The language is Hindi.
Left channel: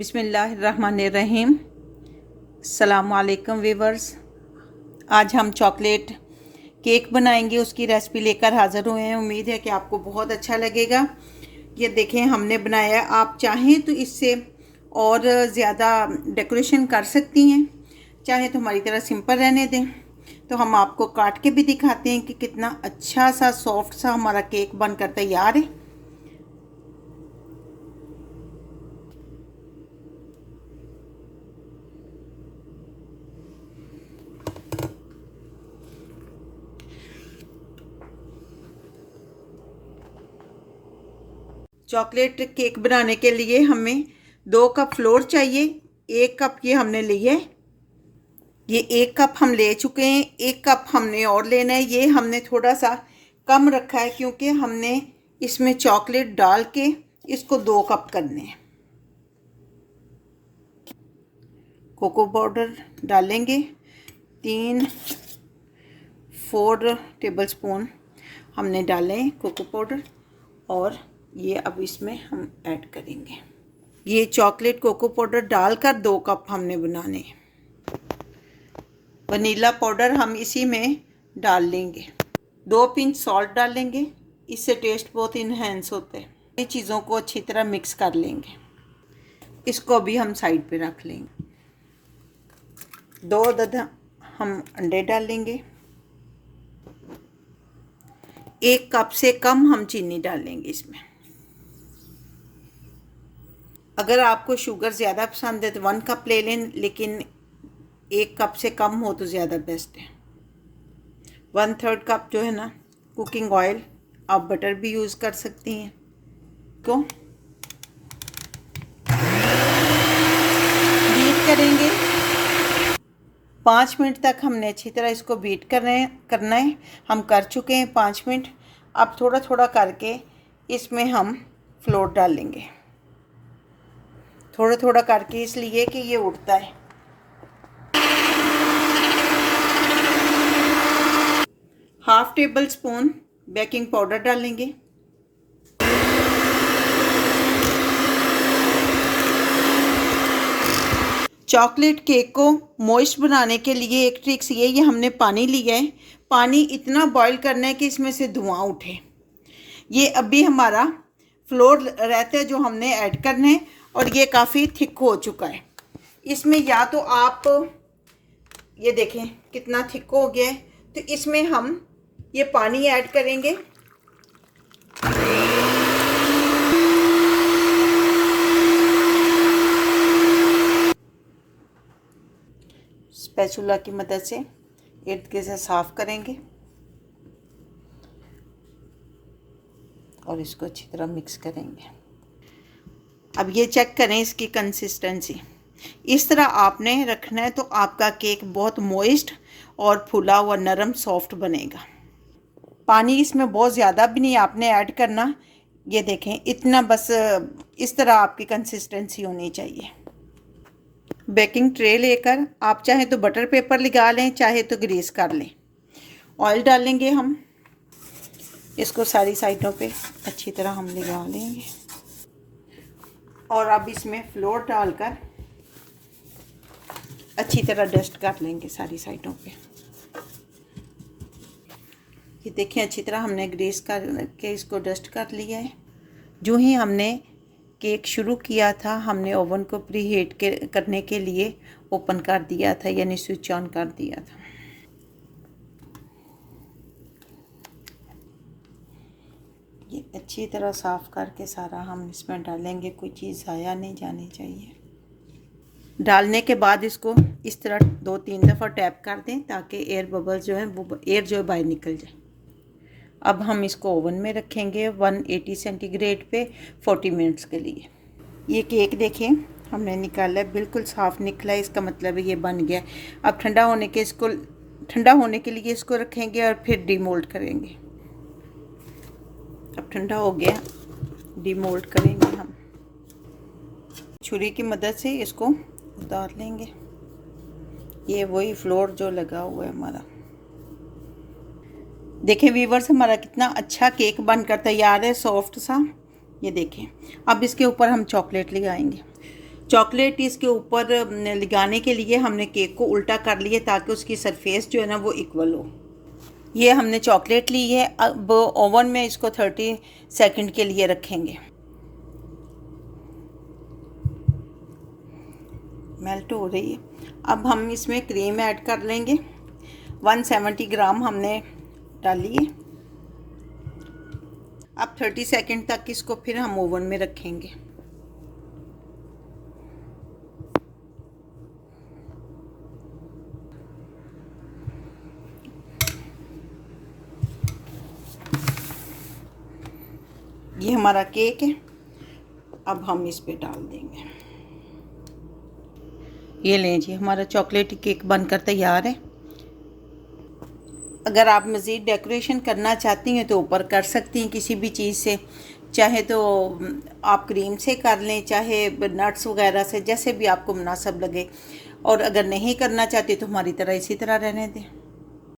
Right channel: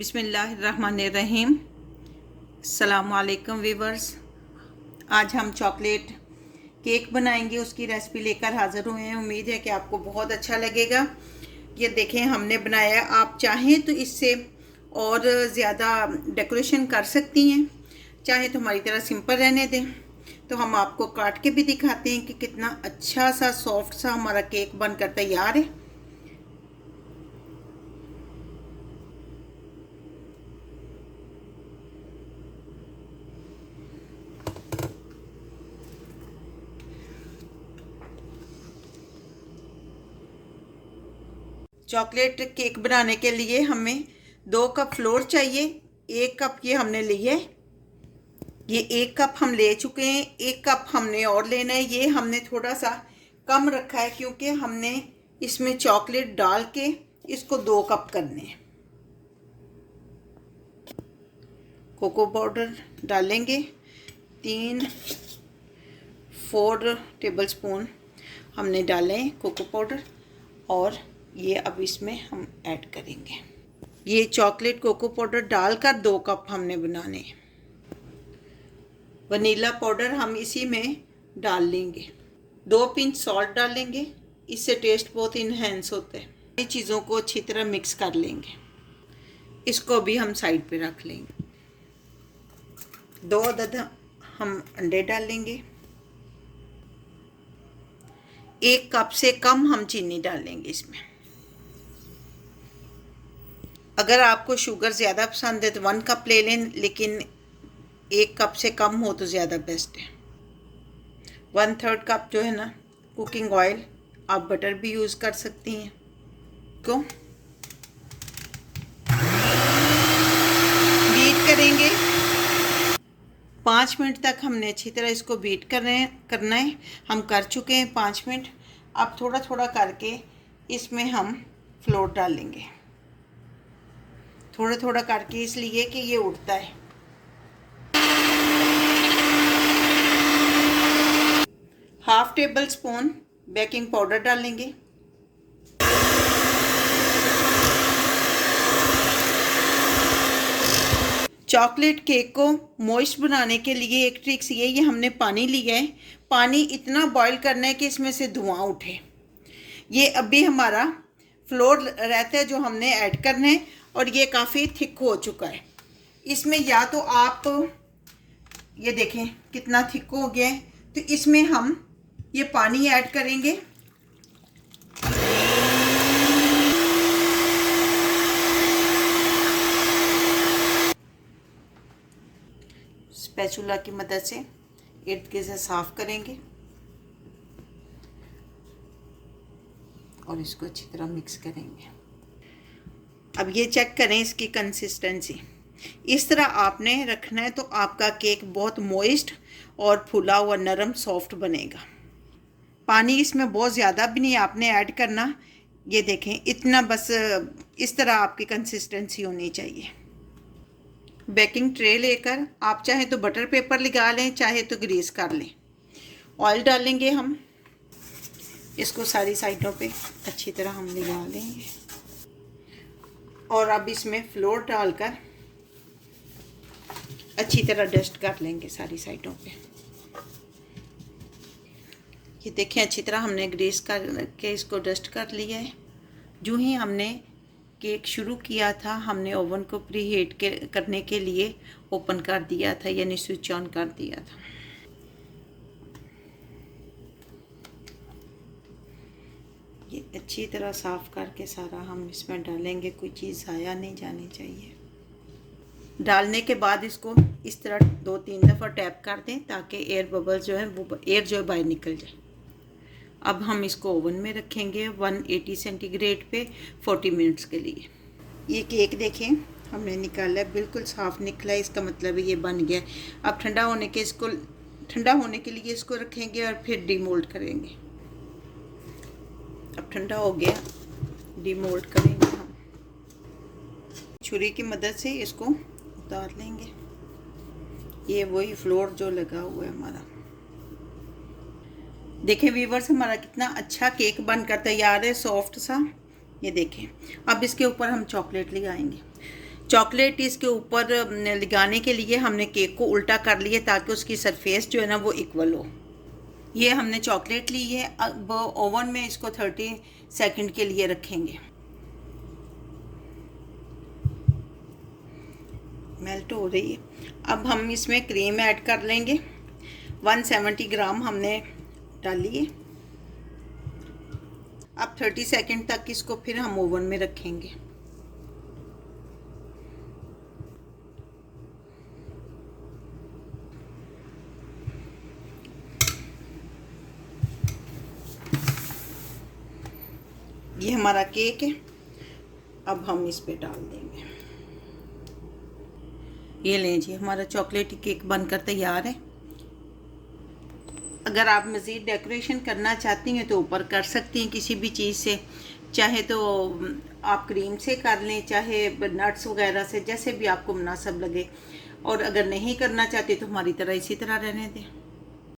बिस्मिल्लाहिर्रहमानिर्रहीम। अस्सलामुअलैकुम वीवर्स। आज हम चॉकलेट केक बनाएंगे, उसकी रेसिपी लेकर हाज़िर हुए हैं। उम्मीद है कि आपको बहुत अच्छा लगेगा। ये देखें हमने बनाया। आप चाहें तो इससे और ज़्यादा डेकोरेशन कर सकती हैं, चाहे तो हमारी तरह सिंपल रहने दें। तो हम आपको काट के भी दिखाते हैं कि कितना अच्छा सा सॉफ्ट सा हमारा केक बनकर तैयार है। चॉकलेट केक बनाने के लिए हमें 2 कप फ्लोर चाहिए। 1 कप ये हमने लिए, ये 1 कप हम ले चुके हैं। 1 कप हमने और लेना है। ये हमने थोड़ा सा कम रखा है क्योंकि हमने इसमें चॉकलेट डाल के इसको 2 कप करने हैं। कोको पाउडर डालेंगे 3-4 टेबल स्पून हमने डाले हैं कोको पाउडर, और ये अब इसमें हम ऐड करेंगे। ये चॉकलेट कोको पाउडर डालकर 2 कप हमने बनाने हैं। वनीला पाउडर हम इसी में डाल लेंगे। 2 पिंच सॉल्ट डालेंगे, इससे टेस्ट बहुत इन्हेंस होता है। ये चीज़ों को अच्छी तरह मिक्स कर लेंगे। इसको भी हम साइड पे रख लेंगे। 2 अदद हम अंडे डालेंगे। 1 कप से कम हम चीनी डालेंगे इसमें। अगर आपको शुगर ज़्यादा पसंद है तो 1 कप ले लें, लेकिन 1 कप से कम हो तो ज़्यादा बेस्ट है। 1/3 कप जो है ना कुकिंग ऑयल, आप बटर भी यूज़ कर सकती हैं। को बीट करेंगे 5 मिनट तक। हमने अच्छी तरह इसको बीट करना है। हम कर चुके हैं 5 मिनट। अब थोड़ा थोड़ा करके इसमें हम फ्लोर डालेंगे, थोड़ा थोड़ा करके, इसलिए कि ये उड़ता है। Half table spoon baking powder डालेंगे। चॉकलेट केक को मॉइस्ट बनाने के लिए एक ट्रिक्स ये हमने पानी लिया है। पानी इतना बॉईल करना है कि इसमें से धुआं उठे। ये अभी हमारा फ्लोर रहता है जो हमने ऐड करना है, और ये काफ़ी थिक हो चुका है। इसमें या तो आप ये देखें कितना थिक हो गया है, तो इसमें हम ये पानी ऐड करेंगे। स्पैचुला की मदद से इर्द गिर्द से साफ करेंगे और इसको अच्छी तरह मिक्स करेंगे। अब ये चेक करें इसकी कंसिस्टेंसी। इस तरह आपने रखना है तो आपका केक बहुत मॉइस्ट और फूला हुआ नरम सॉफ्ट बनेगा। पानी इसमें बहुत ज़्यादा भी नहीं आपने ऐड करना। ये देखें इतना, बस इस तरह आपकी कंसिस्टेंसी होनी चाहिए। बेकिंग ट्रे लेकर आप चाहे तो बटर पेपर लगा लें, चाहे तो ग्रीस कर लें। ऑयल डालेंगे हम, इसको सारी साइडों पे अच्छी तरह हम लगा लेंगे, और अब इसमें फ्लोर डालकर अच्छी तरह डस्ट कर लेंगे सारी साइडों पे। ये देखें अच्छी तरह हमने ग्रीस करके इसको डस्ट कर लिया है। जो ही हमने केक शुरू किया था, हमने ओवन को प्री हीट करने के लिए ओपन कर दिया था, यानी स्विच ऑन कर दिया था। ये अच्छी तरह साफ़ करके सारा हम इसमें डालेंगे, कोई चीज़ ज़ाया नहीं जानी चाहिए। डालने के बाद इसको इस तरह 2-3 दफ़ा टैप कर दें ताकि एयर बबल्स जो है वो एयर जो है बाहर निकल जाए। अब हम इसको ओवन में रखेंगे 180 सेंटीग्रेड पे 40 मिनट्स के लिए। ये केक देखें हमने निकाला, बिल्कुल साफ़ निकला है, इसका मतलब है ये बन गया। अब ठंडा होने के लिए इसको रखेंगे और फिर डीमोल्ड करेंगे। अब ठंडा हो गया, डीमोल्ड करेंगे हम। छुरी की मदद से इसको उतार लेंगे। ये वही फ्लोर जो लगा हुआ है हमारा। देखें व्यूअर्स हमारा कितना अच्छा केक बनकर तैयार है, सॉफ्ट सा। ये देखें। अब इसके ऊपर हम चॉकलेट लगाएंगे। चॉकलेट इसके ऊपर लगाने के लिए हमने केक को उल्टा कर लिया ताकि उसकी सरफेस जो है ना वो इक्वल हो। ये हमने चॉकलेट ली है। अब ओवन में इसको 30 सेकंड के लिए रखेंगे। मेल्ट हो रही है। अब हम इसमें क्रीम ऐड कर लेंगे। 170 ग्राम हमने डाली है। अब 30 सेकंड तक इसको फिर हम ओवन में रखेंगे। ये हमारा केक है। अब हम इस पे डाल देंगे। ये लें जी, हमारा चॉकलेटी केक बनकर तैयार है। अगर आप मज़ीद डेकोरेशन करना चाहती हैं तो ऊपर कर सकती हैं किसी भी चीज़ से, चाहे तो आप क्रीम से कर लें, चाहे नट्स वगैरह से, जैसे भी आपको मुनासिब लगे। और अगर नहीं करना चाहती तो हमारी तरह इसी तरह रहने दें।